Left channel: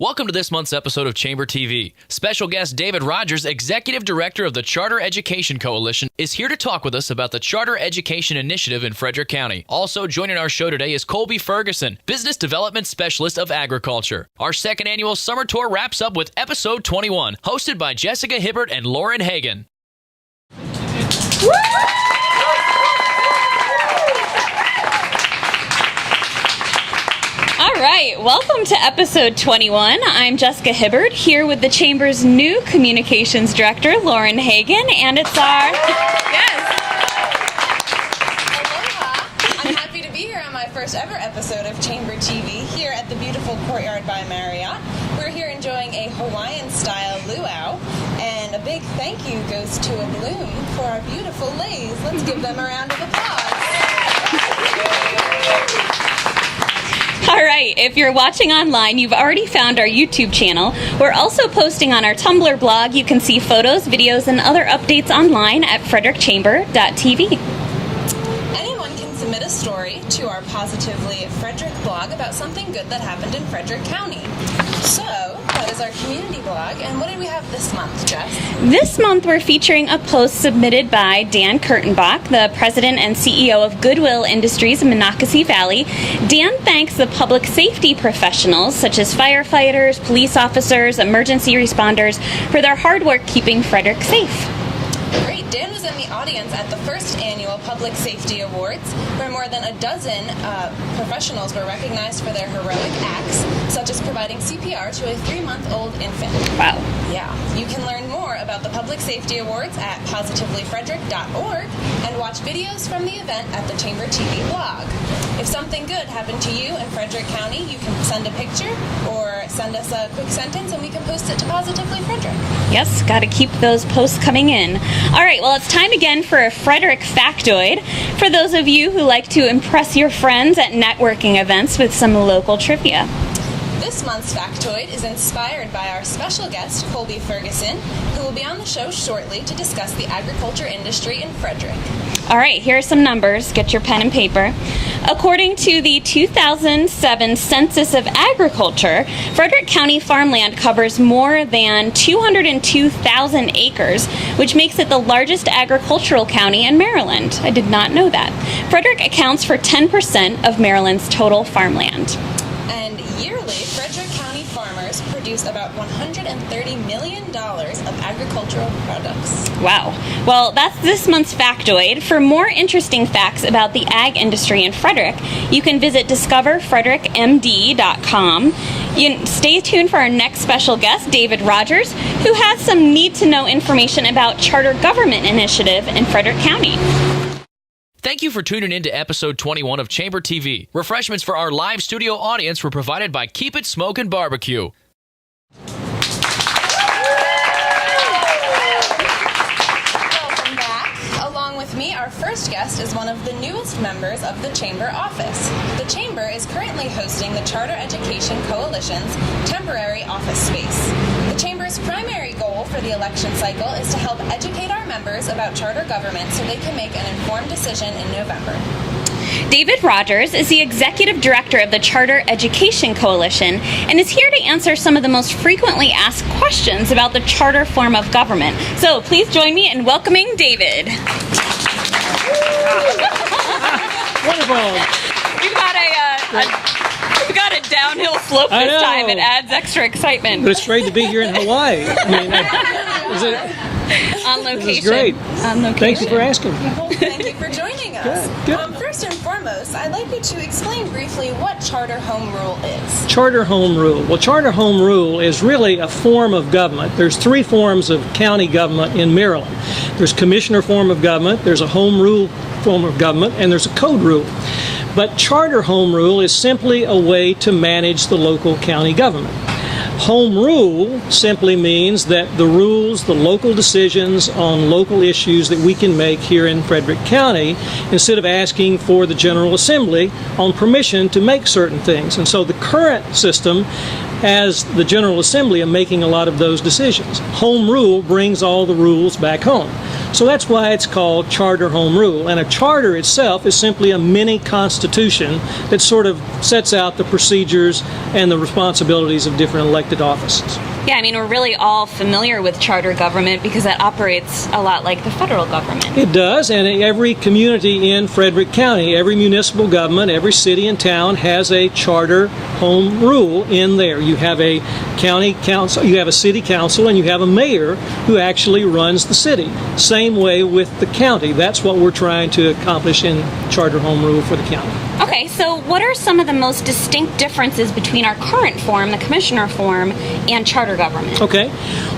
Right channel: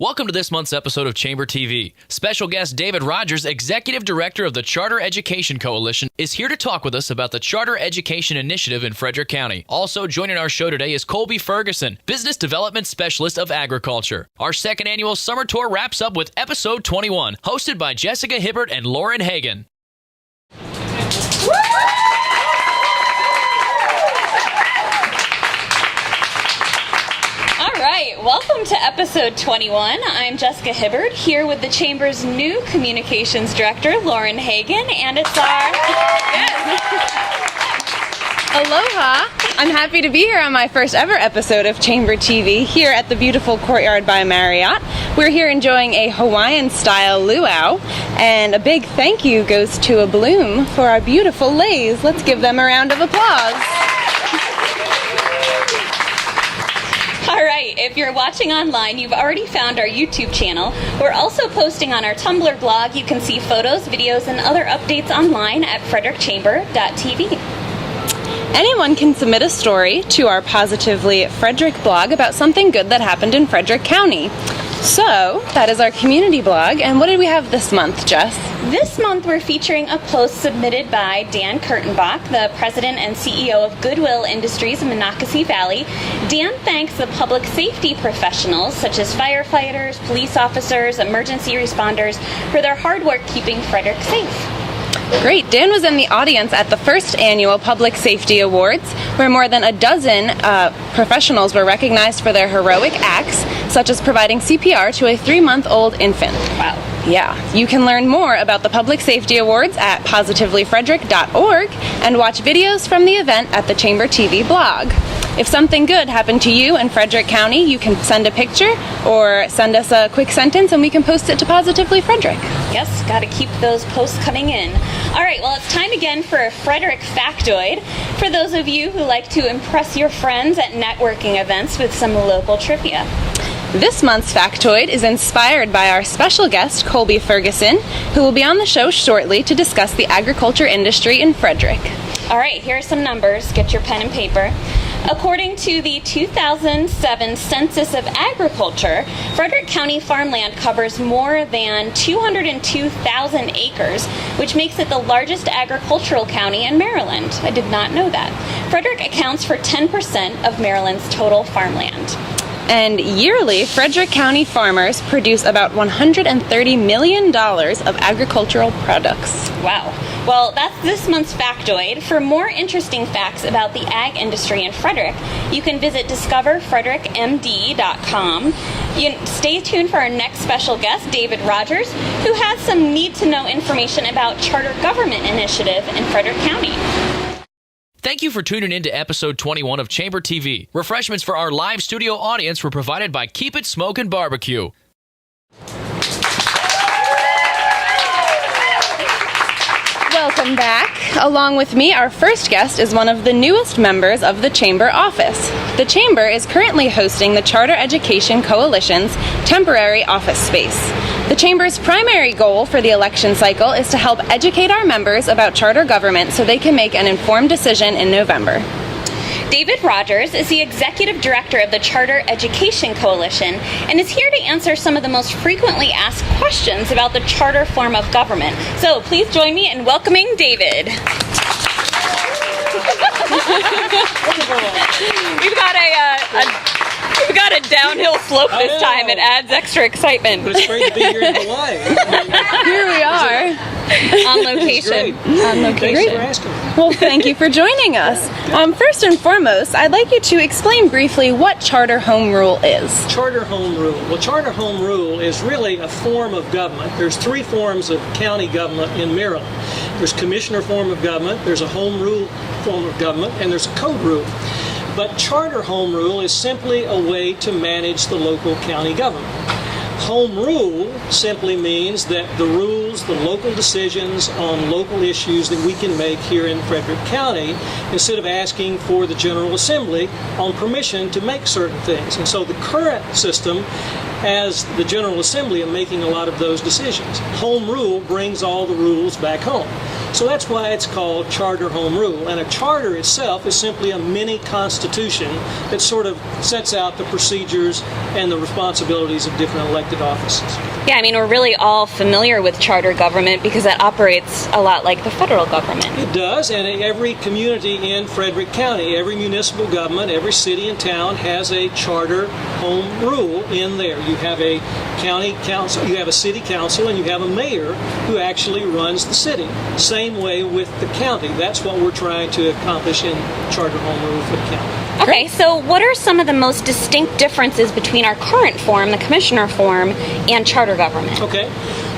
Welcome to this month's episode of Chamber TV. Special guest David Rogers, Executive Director of the Charter Education Coalition, is here to talk with us about the Charter Education Initiative in Frederick County. Also joining our show today is Colby Ferguson, Business Development Specialist of Agriculture. Our second annual summer tour wraps up with episode 21, hosted by Jessica Hibbard and Lauren Hagan. All right, welcome to episode 21. I'm Jessica Hibbard, here with the Chamber's new Communications Director, Lauren Hagan, and it's our... Yes! Aloha! I'm happy to be here on my first ever episode of Chamber TV here at the beautiful Courtyard by Marriott. We're here enjoying a Hawaiian-style luau, and a big thank you goes to a Bloom for our beautiful leis. Let's give them a round of applause. All right, if you're watching online, you've already found our YouTube channel. We're also posting on our Tumblr blog. You can see photos, videos, and other updates online at frederickchamber.tv. Anyone can submit a story to our Positively Frederick blog about something good that happened in Frederick County. So, that is our community blog, and what did we have this month, Jess? This month we're featuring a post submitted by Dan Kurtenbach, the President and CEO of Goodwill Industries in Monocacy Valley. Dan thanks the public safety professionals, such as firefighters, police officers, emergency responders, for their hard work keeping Frederick safe. Great. Dan was in the audience at the first annual Public Safety Awards, where more than a dozen professionals were recognized for their heroic acts, such as providing CPR to a 3-month-old infant. Wow. Yeah. You can learn more about the Public Safety Awards at positivelyfrederick.org and watch videos from the event at the Chamber TV blog. If something good happened to you in Frederick County, you can send a picture or send us a quick sentence and we can post it to Positively Frederick. Yes, got to keep those posts coming in. All right, well, it's time again for a Frederick factoid. For those of you who like to impress your friends at networking events with some local trivia. This month's factoid is inspired by our special guest, Colby Ferguson, who will be on the show shortly to discuss the agriculture industry in Frederick. All right, here are some numbers. Get your pen and paper. According to the 2007 Census of Agriculture, Frederick County farmland covers more than 202,000 acres, which makes it the largest agricultural county in Maryland. I did not know that. Frederick accounts for 10% of Maryland's total farmland. And yearly, Frederick County farmers produce about $130 million of agricultural products. Wow. Well, that's this month's factoid. For more interesting facts about the ag industry in Frederick, you can visit discoverfrederickmd.com. Stay tuned for our next special guest, David Rogers, who has some need-to-know information about Charter Government Initiative in Frederick County. Thank you for tuning in to episode 21 of Chamber TV. Refreshments for our live studio audience were provided by Keep It Smokin' Barbecue. Welcome back. Along with me, our first guest is one of the newest members of the Chamber office. The Chamber is currently hosting the Charter Education Coalition's temporary office space. The Chamber's primary goal for the election cycle is to help educate our members about charter government so they can make an informed decision in November. David Rogers is the Executive Director of the Charter Education Coalition and is here to answer some of the most frequently asked questions about the charter form of government. So please join me in welcoming David. Wonderful. We've got a downhill slope this time. It adds extra excitement. But it's great to be here in Hawaii. Here we are. On location. Great. On location. Thanks for asking. Well, thank you for joining us. First and foremost, I'd like you to explain briefly what Charter Home Rule is. Charter Home Rule. Well, Charter Home Rule is really a form of government. There's 3 forms of county government in Maryland. There's commissioner form of government, there's a home rule form of government, and there's a code rule. But Charter Home Rule is simply a way to manage the local county government. Home rule simply means that the rules, the local decisions on local issues that we can make here in Frederick County, instead of asking for the General Assembly on permission to make certain things. And so the current system as the General Assembly in making a lot of those decisions. Home rule brings all the rules back home. So that's why it's called charter home rule. And a charter itself is simply a mini constitution that sort of sets out the procedures and the responsibilities of different elected offices. Yeah, I mean, we're really all familiar with charter government because it operates a lot like the federal government. It does, and every community in Frederick County, every municipal government, every city and town has a charter home rule in there. You have a county council, you have a city council, and you have a mayor who actually runs the city. Same way with the county. That's what we're trying to accomplish in charter home rule for the county. Okay, so what are some of the most distinct differences between our current form, the commissioner form, and charter government? Okay.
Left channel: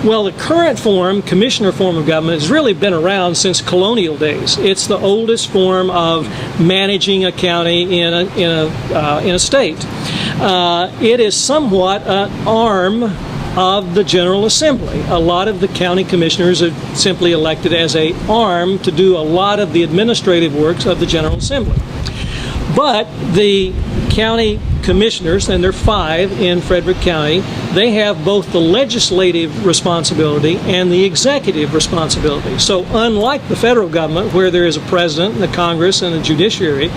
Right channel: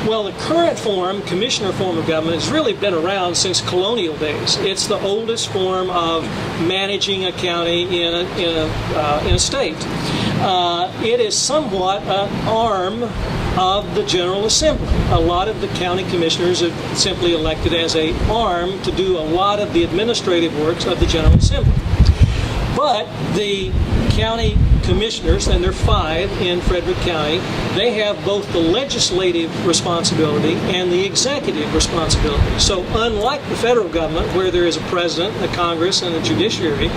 Well, the current form, commissioner form of government, has really been around since colonial days. It's the oldest form of managing a county in a state. It is somewhat an arm of the General Assembly. A lot of the county commissioners are simply elected as an arm to do a lot of the administrative works of the General Assembly. But the county commissioners, and there are 5 in Frederick County, they have both the legislative responsibility and the executive responsibility. So unlike the federal government, where there is a president and a Congress and a judiciary,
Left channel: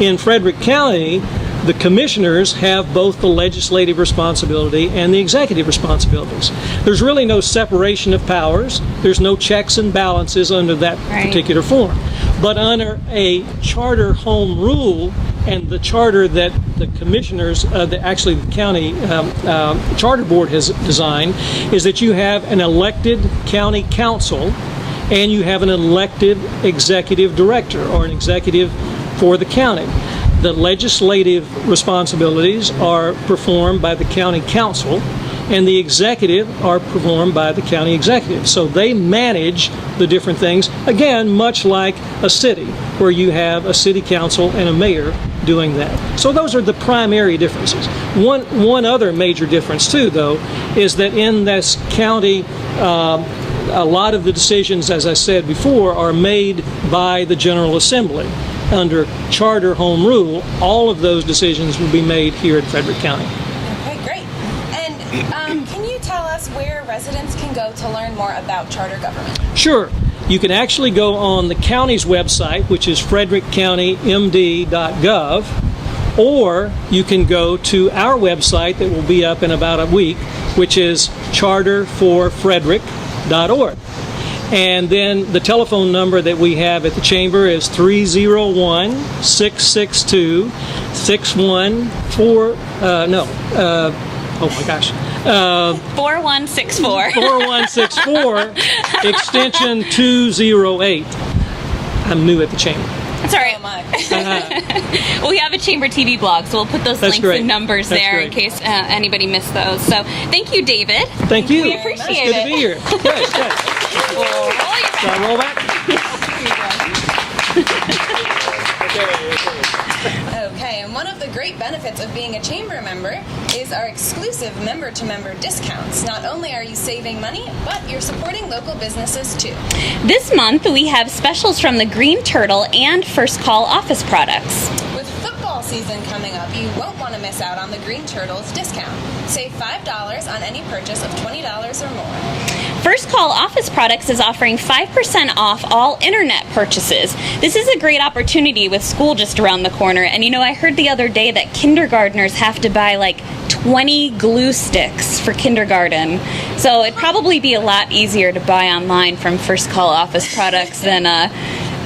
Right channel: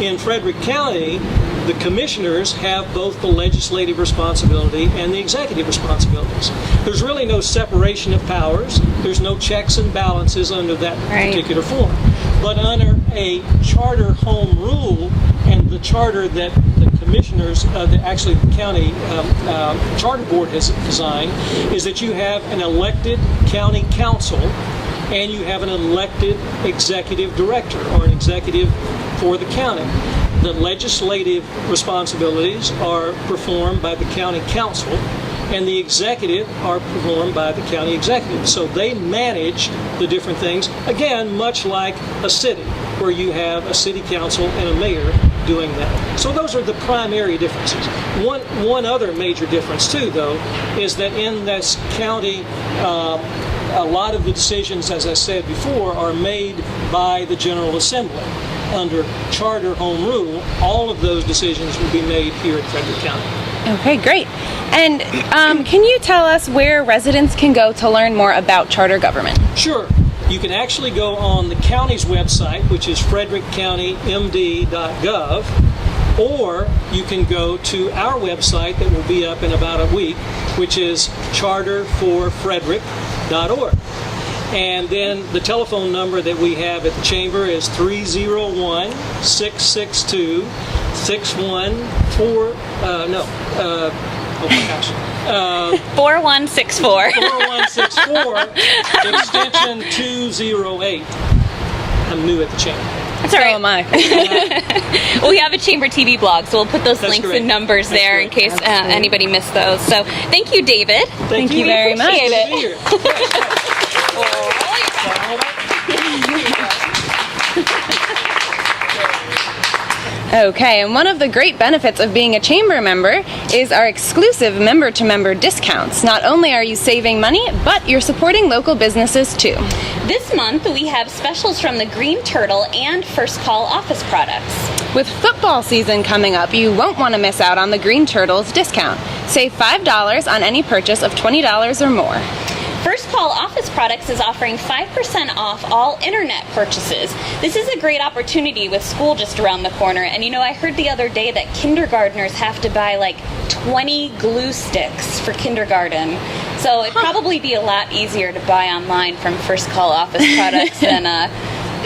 in Frederick County, the commissioners have both the legislative responsibility and the executive responsibilities. There's really no separation of powers. There's no checks and balances under that particular form. But under a charter home rule, and the charter that the commissioners, actually the county charter board has designed, is that you have an elected county council and you have an elected executive director or an executive for the county. The legislative responsibilities are performed by the county council, and the executive are performed by the county executive. So they manage the different things, again, much like a city, where you have a city council and a mayor doing that. So those are the primary differences. One other major difference, too, though, is that in this county, a lot of the decisions, as I said before, are made by the General Assembly. Under charter home rule, all of those decisions will be made here at Frederick County. Okay, great. And can you tell us where residents can go to learn more about charter government? Sure. You can actually go on the county's website, which is frederickcountymd.gov, or you can go to our website that will be up in about a week, which is charterforfrederick.org. And then the telephone number that we have at the chamber is 301-662-6164. Oh my gosh. 4164. 4164, extension 208. I'm new at the chamber. That's all right. So am I. Well, we have a Chamber TV blog, so we'll put those That's links great. and numbers That's there great. in case anybody missed those. So thank you, David. Thank you We very much. appreciate Good to it. be here. Yes, yes. Shall I roll back? Okay, and one of the great benefits of being a chamber member is our exclusive member-to-member discounts. Not only are you saving money, but you're supporting local businesses too. This month, we have specials from the Green Turtle and First Call office products. With football season coming up, you won't want to miss out on the Green Turtles discount. Save $5 on any purchase of $20 or more. First Call Office Products is offering 5% off all internet purchases. This is a great opportunity with school just around the corner. And you know, I heard the other day that kindergartners have to buy like 20 glue sticks for kindergarten. So it'd probably be a lot easier to buy online from First Call Office Products than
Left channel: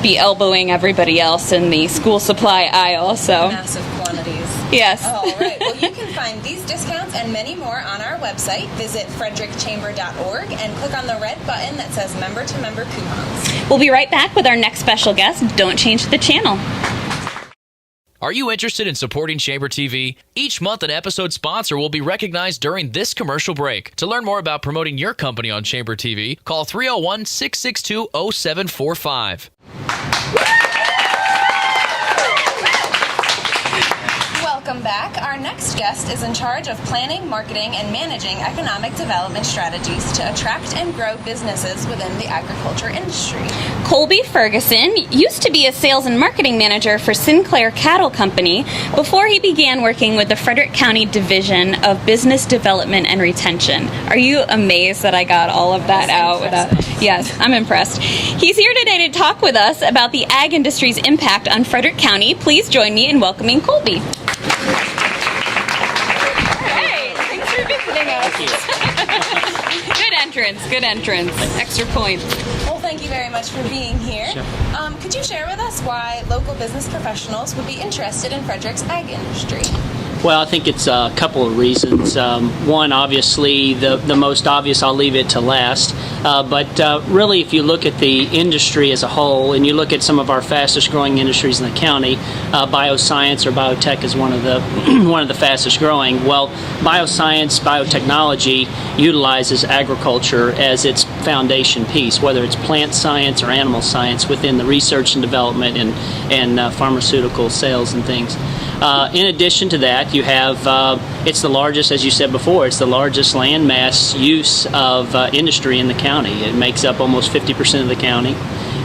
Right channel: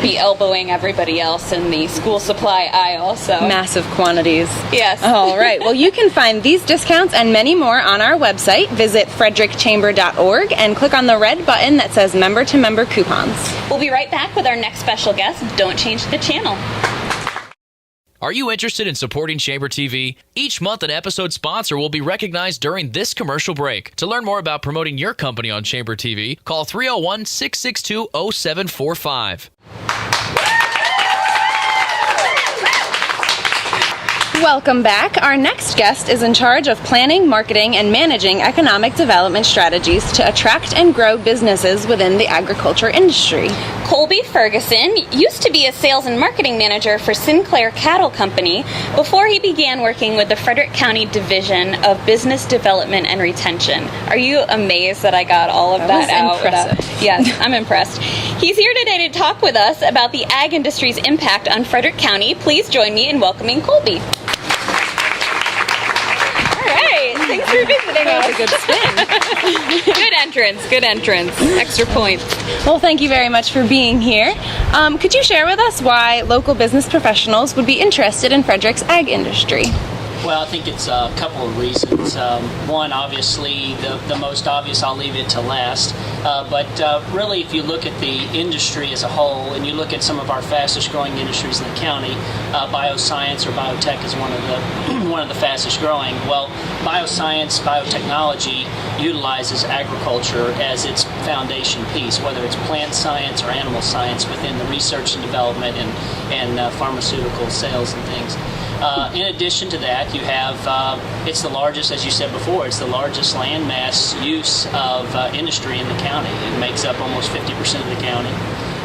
be elbowing everybody else in the school supply aisle. So Massive quantities. yes. All right. Well, you can find these discounts and many more on our website. Visit frederickchamber.org and click on the red button that says member-to-member coupons. We'll be right back with our next special guest. Don't change the channel. Are you interested in supporting Chamber TV? Each month, an episode sponsor will be recognized during this commercial break. To learn more about promoting your company on Chamber TV, call 301-662-0745. Welcome back. Our next guest is in charge of planning, marketing, and managing economic development strategies to attract and grow businesses within the agriculture industry. Colby Ferguson used to be a sales and marketing manager for Sinclair Cattle Company before he began working with the Frederick County Division of Business Development and Retention. Are you amazed that I got all of that out? Yes, I'm impressed. He's here today to talk with us about the ag industry's impact on Frederick County. Please join me in welcoming Colby. Thanks for visiting us. Good entrance. Extra points. Well, thank you very much for being here. Could you share with us why local business professionals would be interested in Frederick's ag industry? Well, I think it's a couple of reasons. One, obviously, the most obvious, I'll leave it to last. But really, if you look at the industry as a whole, and you look at some of our fastest growing industries in the county, bioscience or biotech is one of the fastest growing. Well, bioscience, biotechnology utilizes agriculture as its foundation piece, whether it's plant science or animal science within the research and development and pharmaceutical sales and things. In addition to that, you have, it's the largest, as you said before, it's the largest landmass use of industry in the county. It makes up almost 50% of the county.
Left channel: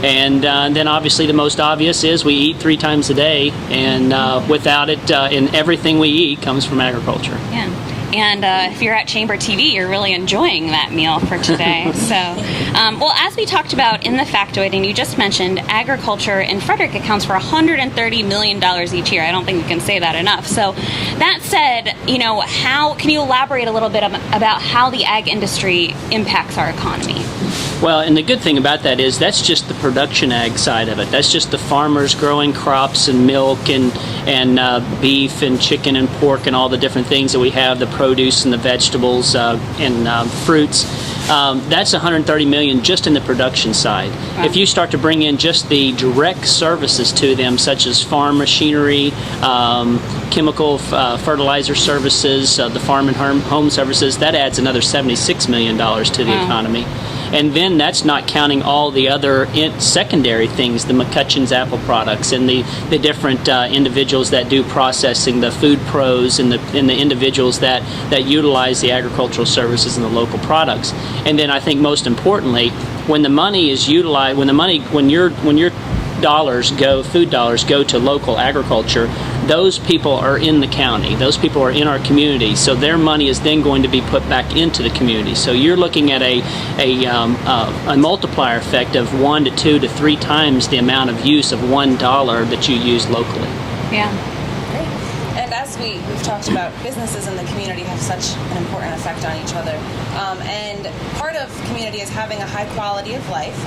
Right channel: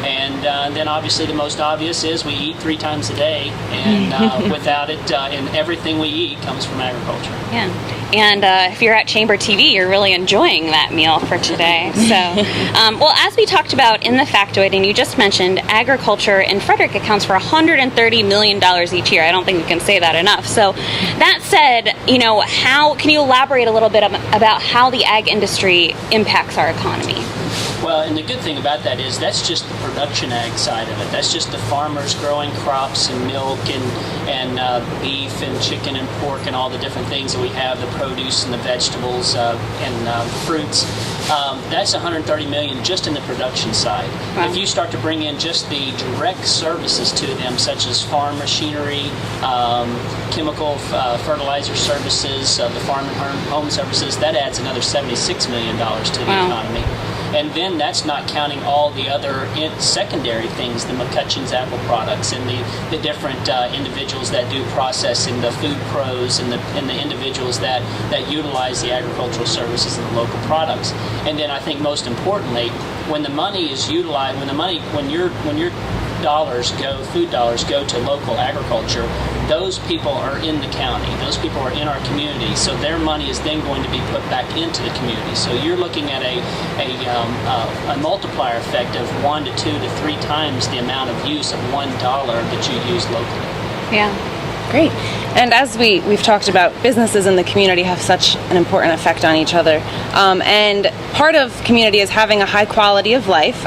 And then obviously the most obvious is we eat 3 times a day, and without it, and everything we eat comes from agriculture. Yeah. And if you're at Chamber TV, you're really enjoying that meal for today. So, well, as we talked about in the factoid, and you just mentioned, agriculture in Frederick accounts for $130 million each year. I don't think we can say that enough. So, that said, how can you elaborate a little bit about how the ag industry impacts our economy? Well, and the good thing about that is that's just the production ag side of it. That's just the farmers growing crops and milk and beef and chicken and pork and all the different things that we have, the produce and the vegetables and fruits. That's $130 million just in the production side. Wow. If you start to bring in just the direct services to them, such as farm machinery, chemical fertilizer services, the farm and home services, that adds another $76 million to the economy. And then that's not counting all the other secondary things, the McCutcheon's apple products and the different individuals that do processing, the food pros and the individuals that utilize the agricultural services and the local products. And then I think most importantly, when the money is utilized, when your food dollars go to local agriculture, those people are in the county. Those people are in our community. So their money is then going to be put back into the community. So you're looking at a multiplier effect of 1 to 2 to 3 times the amount of use of $1 that you use locally. Yeah, great. And as we've talked about, businesses in the community have such an important effect on each other. And part of community is having a high quality of life,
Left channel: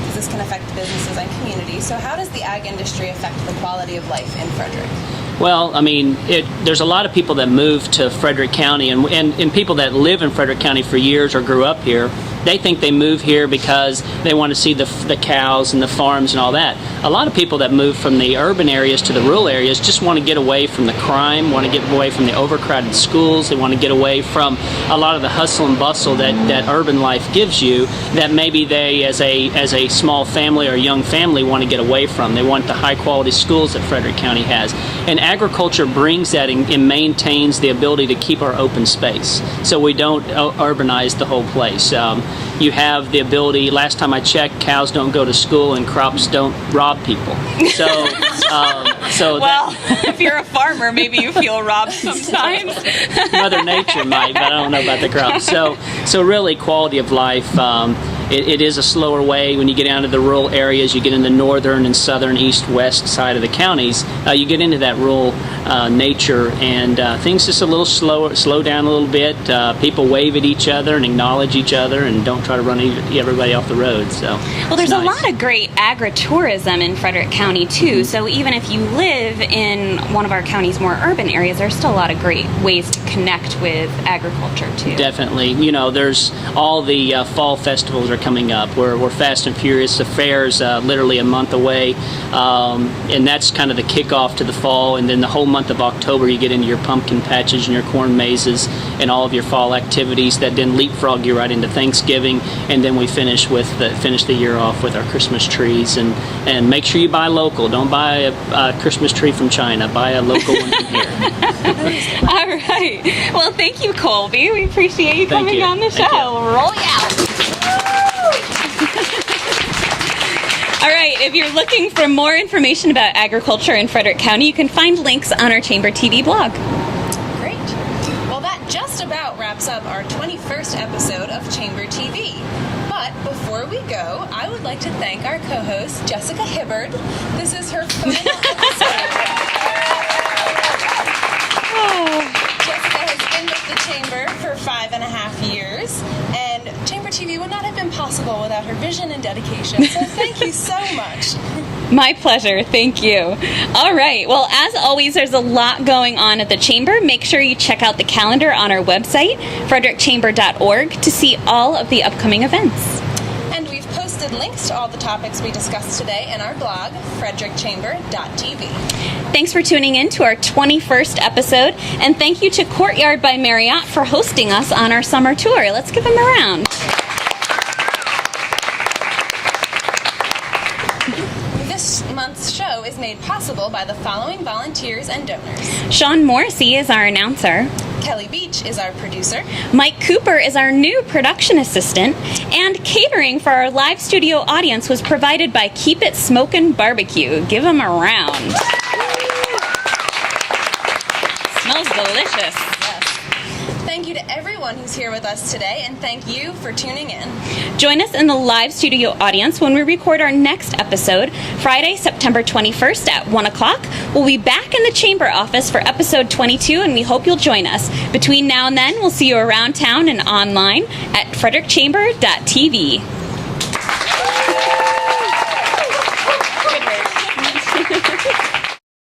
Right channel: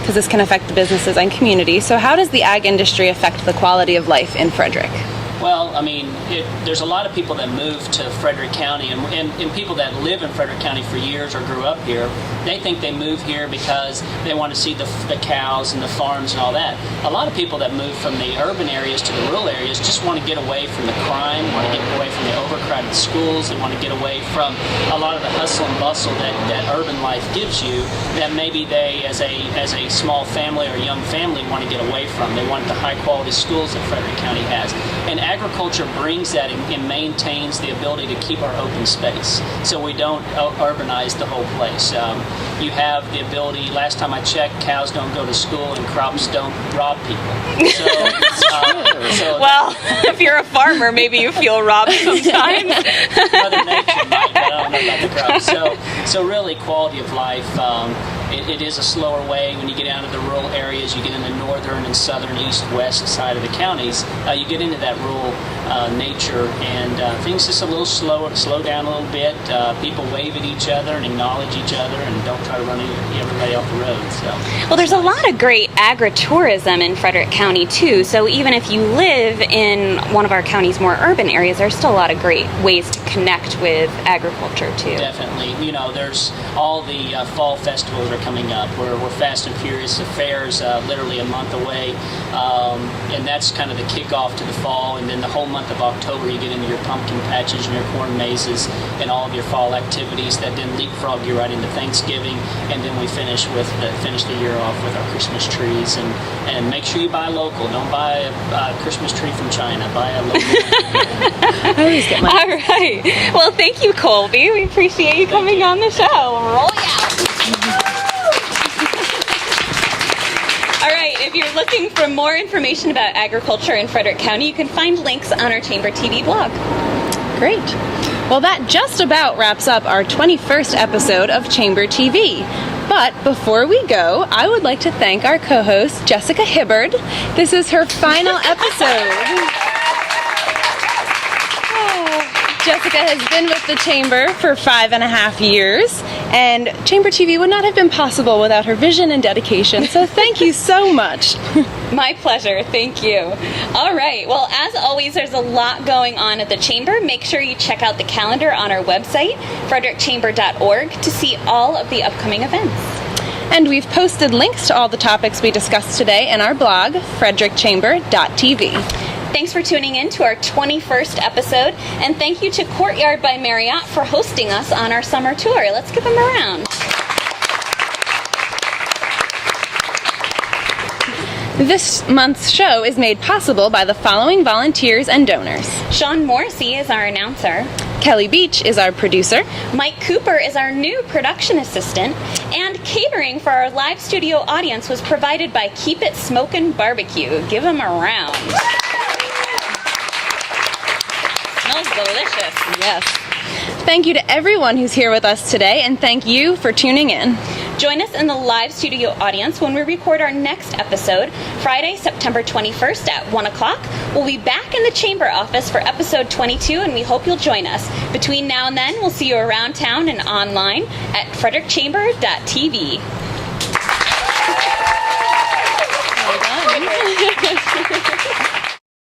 because this can affect the businesses and community. So how does the ag industry affect the quality of life in Frederick? Well, I mean, there's a lot of people that move to Frederick County, and people that live in Frederick County for years or grew up here, they think they move here because they want to see the cows and the farms and all that. A lot of people that move from the urban areas to the rural areas just want to get away from the crime, want to get away from the overcrowded schools, they want to get away from a lot of the hustle and bustle that urban life gives you, that maybe they, as a small family or young family, want to get away from. They want the high-quality schools that Frederick County has. And agriculture brings that and maintains the ability to keep our open space, so we don't urbanize the whole place. You have the ability, last time I checked, cows don't go to school and crops don't rob people. So, well, if you're a farmer, maybe you feel robbed sometimes. Mother Nature might, but I don't know about the crops. So really, quality of life. It is a slower way when you get down to the rural areas. You get in the northern and southern, east, west side of the counties. You get into that rural nature, and things just a little slow down a little bit. People wave at each other and acknowledge each other, and don't try to run everybody off the road. So, well, there's a lot of great agritourism in Frederick County too. So even if you live in one of our county's more urban areas, there's still a lot of great ways to connect with agriculture. agriculture too. Definitely. You know, there's all the fall festivals are coming up. We're fast and furious. The fair's literally a month away, and that's kind of the kickoff to the fall. And then the whole month of October, you get into your pumpkin patches and your corn mazes and all of your fall activities that then leapfrog you right into Thanksgiving. And then we finish the year off with our Christmas trees. And make sure you buy local. Don't buy a Christmas tree from China. Buy a local one from here. All right. Well, thank you, Colby. We appreciate you coming on the show. Roll you out. All right. If you're looking for more information about agriculture in Frederick County, you can find links on our Chamber TV blog. Great. Well, that just about wraps up our 21st episode of Chamber TV. But before we go, I would like to thank our co-host, Jessica Hibbard. This is her final episode. Jessica has been with the Chamber for 5.5 years, and Chamber TV would not have been possible without her vision and dedication. So thank you so much. My pleasure. Thank you. All right. Well, as always, there's a lot going on at the Chamber. Make sure you check out the calendar on our website, frederickchamber.org, to see all of the upcoming events. And we've posted links to all the topics we discussed today in our blog, frederickchamber.tv. Thanks for tuning in to our 21st episode, and thank you to Courtyard by Marriott for hosting us on our summer tour. Let's give them a round. This month's show is made possible by the following volunteers and donors. Sean Morrissey is our announcer. Kelly Beach is our producer. Mike Cooper is our new production assistant. And catering for our live studio audience was provided by Keep It Smokin' Barbecue. Give them a round. Smells delicious. Yes. Thank you to everyone who's here with us today, and thank you for tuning in. Join us in the live studio audience when we record our next episode, Friday, September 21st at 1 o'clock. We'll be back in the Chamber office for episode 22, and we hope you'll join us. Between now and then, we'll see you around town and online at frederickchamber.tv.